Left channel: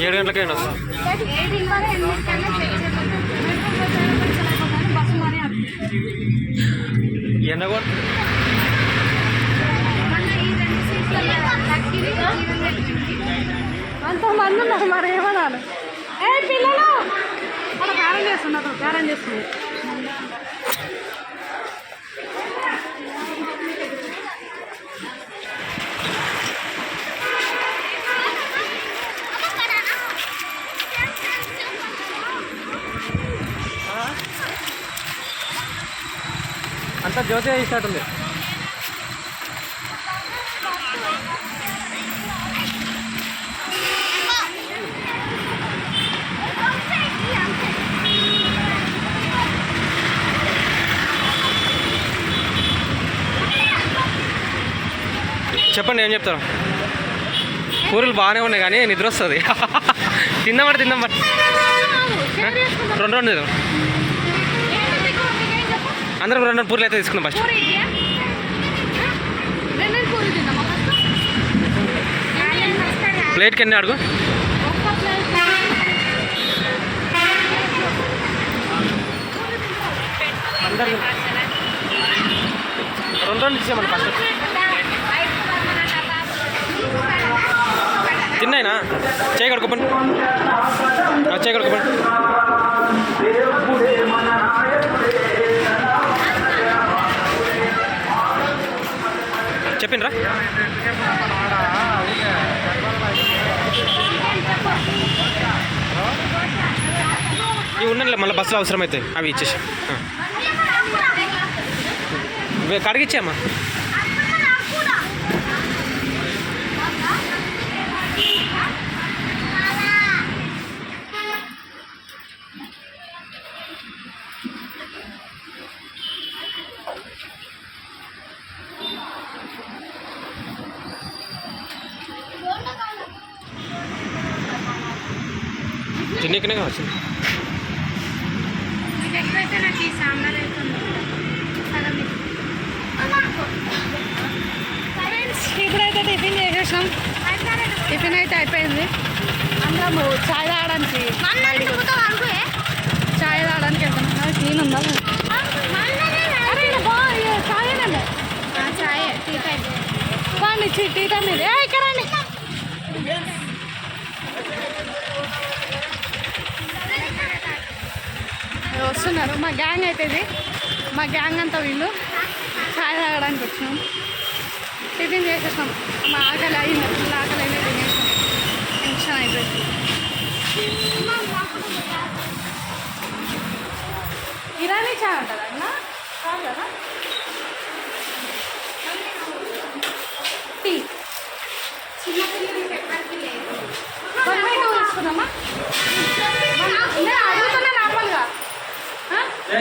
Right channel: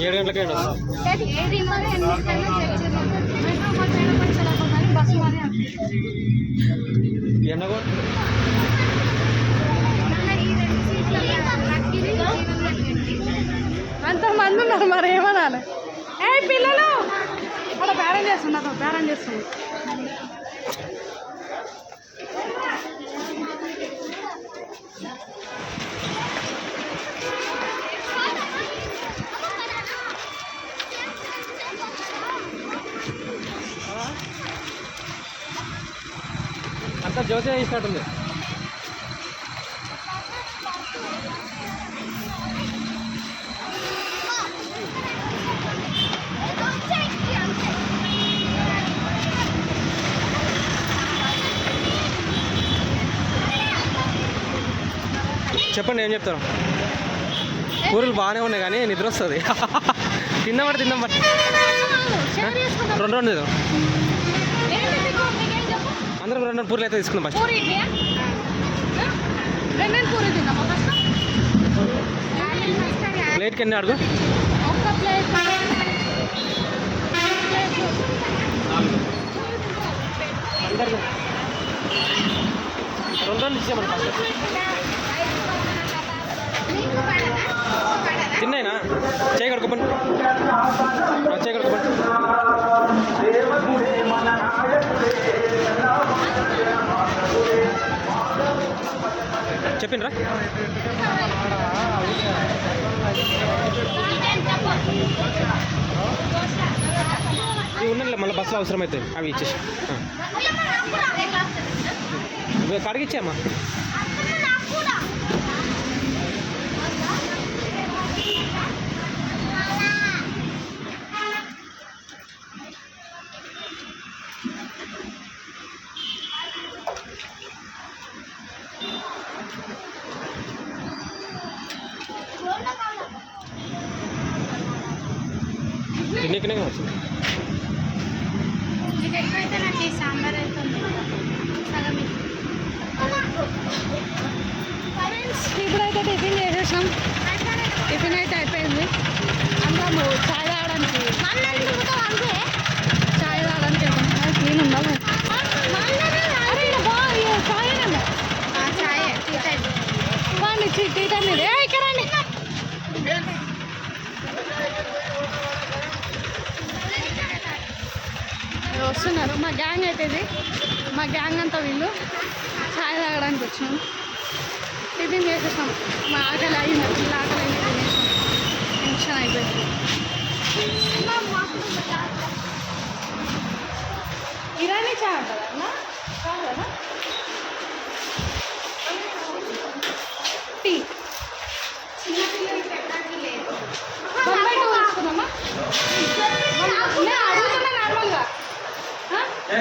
ఏడు గంటలకే ఎన్న అంతమంది ఉన్నారు మరి ఏమనాలి? ఏ పిల్లలు! అక్కడ బేరం చేస్తున్నారు బేరం చేస్తున్నారు. అంతా జ్యోతి ఇచ్చినట్టుంది చెప్పండి ఏం చెప్తారు? కూరలు బాగానే ఉన్నాయి కానీ నిద్ర వస్తుంది. తిందామంటే తిందాం బట్ రెండు రెండు తిందాం. అందరం రెండు రెండు పూర్లు అయితే తీసుకున్నాం ఫస్ట్. ప్లేట్కి ఎన్ని అడుగు? రెండు రెండు ఇచ్చామండి ఫస్ట్. తిన్నాయినా? చేయి కడుకోపండి చెప్పిండ్రా? ఇవి ఉన్నాయిలే మళ్ళీ బస్సులో అవసరం అవుతాయి అవి ఇచ్చేసి. ఆ. తిన్నీకనే వచ్చింది ఇప్పుడైతే టిఫిన్ చేసేసాం. టిఫిన్ అయితే అయిపోయింది. అందరము చాయ్ తాగడానికి చాయ్ తాగడానికి వెళ్తాం క్లీన్ ఉందా? చాయ్ టీ టీ ఇది ఇక్కడ రండి ఇవి వస్తున్నారు. మా గ్యాంగ్ అయితే ఇది. మా గ్యాంగ్ అంతా వీళ్ళు. చాయ్ తాగడానికి వచ్చినాం. టిఫిన్ చేసేసాం. మా ఆకలి అయింది. ఫుల్ ఆకలి అయినా తినేసాం. టెన్షన్ అయిపోయింది. ఇరానీ చాయ్ ఉంటుందన్నా కాదు కదా?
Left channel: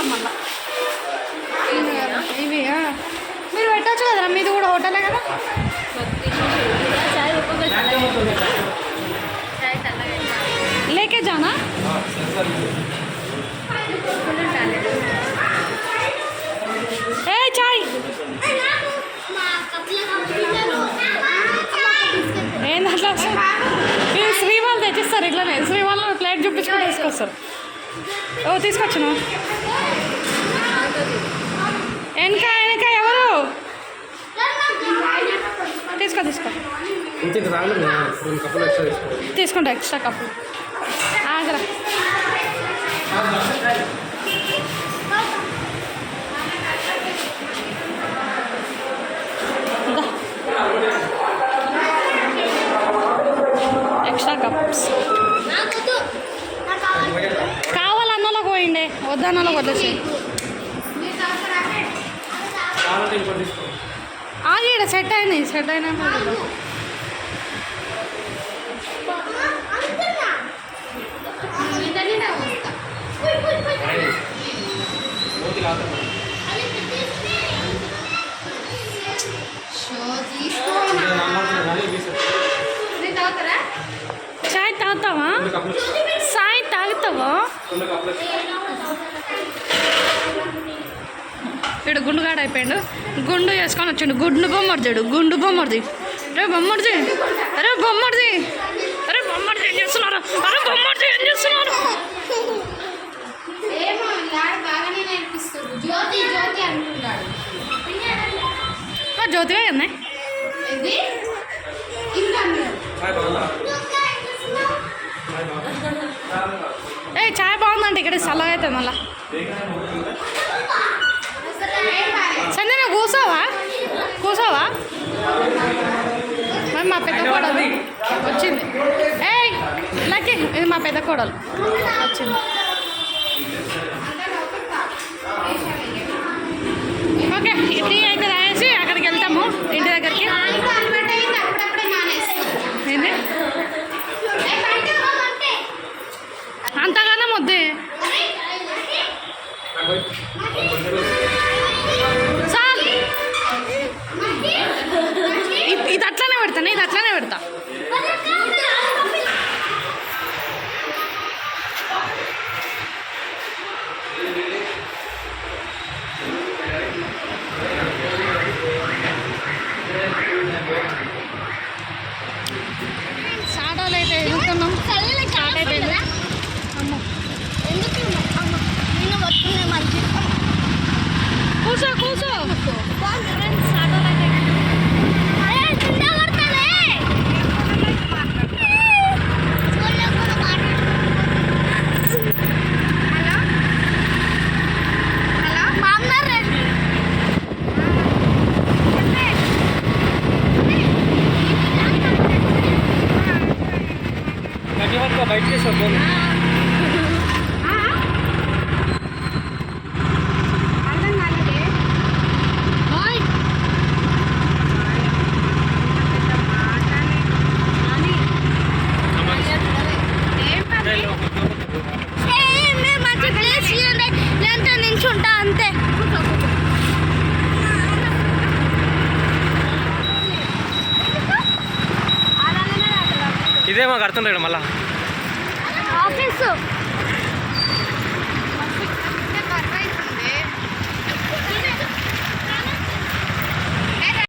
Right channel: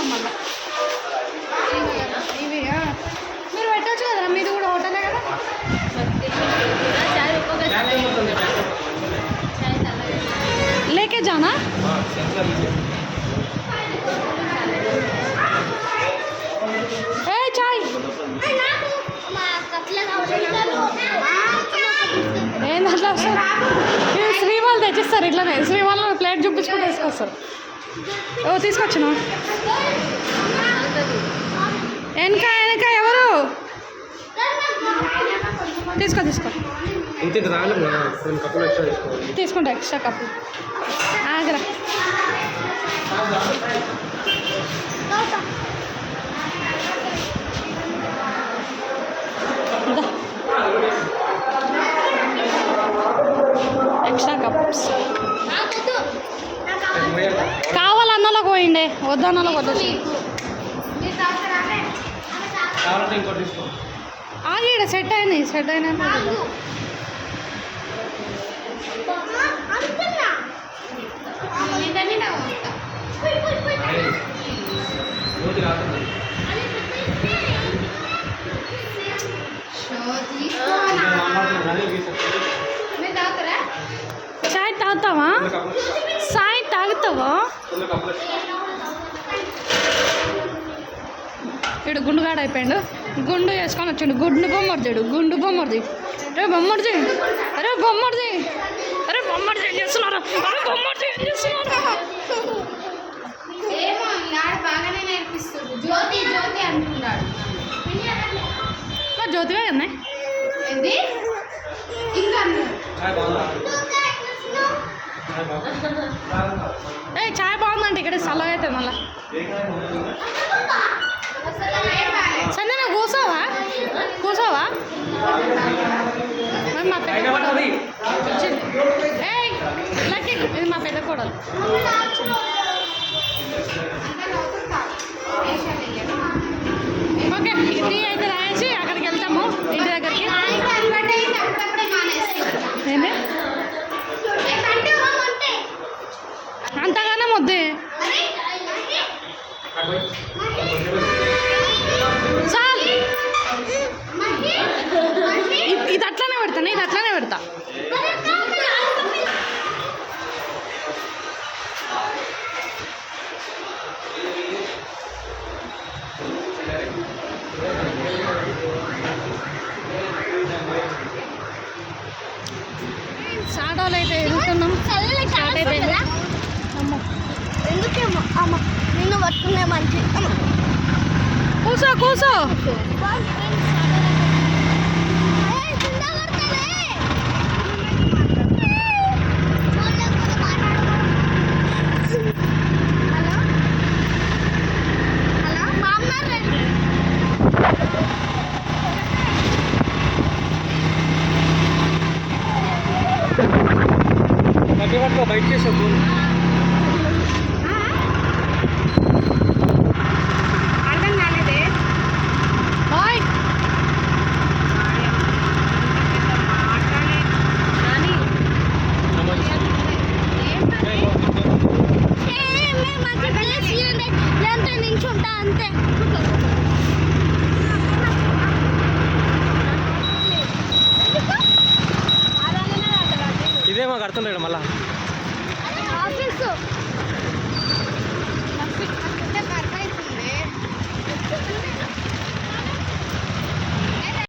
ఇప్పుడు చూస్తున్నాం మళ్ళా ఇవి ఆ. మీరు పెట్టచ్చు కదరా మీది కూడా హోటలే కదా లేకే జానా ఏ చాయ్ ఏంది అట్లా వస్తుంది ఇది శ్రీ వాళ్ళు తెచ్చిస్తారు ఇట్లనే శ్రీ వాళ్ళు ప్లేట్ చూపించుకుంటూ తీసుకొస్తారు ఓ తీసుకొచ్చిన? వెనక వెనక ఎవరు? తీసుకో తీసుకో. తీసుకుంటా ఎక్స్ట్రా కప్పు. ఆగరా. తీసుకో ఆగి ఇక్కడ సెట్ అయినాయి సెట్ రీసెర్చ్ చాయ్ తాగుతావా? సాయ్ తాగుతావా? ఇడు గుండుగాడు అయిపోయాడు గుండు వేసుకొని వచ్చిండు. గుండు బొమ్మడిచాడు. గుండు బొమ్మడిది. రే బొమ్మడిది. అరే బొమ్మడిది. అరే బొమ్మడిది ఏం చేస్తున్నారు? అరే బొమ్మడిది ఏం చేస్తున్నారు? జ్యోతి జ్యోతివే కదా ఏ చాయ్ బాగుందంటే. ఇక్కడ చల్లగా అవుతుంది మళ్ళా. సంజన కూర్చోవా? కూర్చోవా? మరి మా పెద్ద కోడలు. వచ్చింది. ఏయ్ లక్కీ ఇది మా పెద్ద కోడలు. బయట తీసుకో ఫోన్. నించుంటా అంతే ఇదే మాకు అర్థం లేదు మళ్ళా. Professor!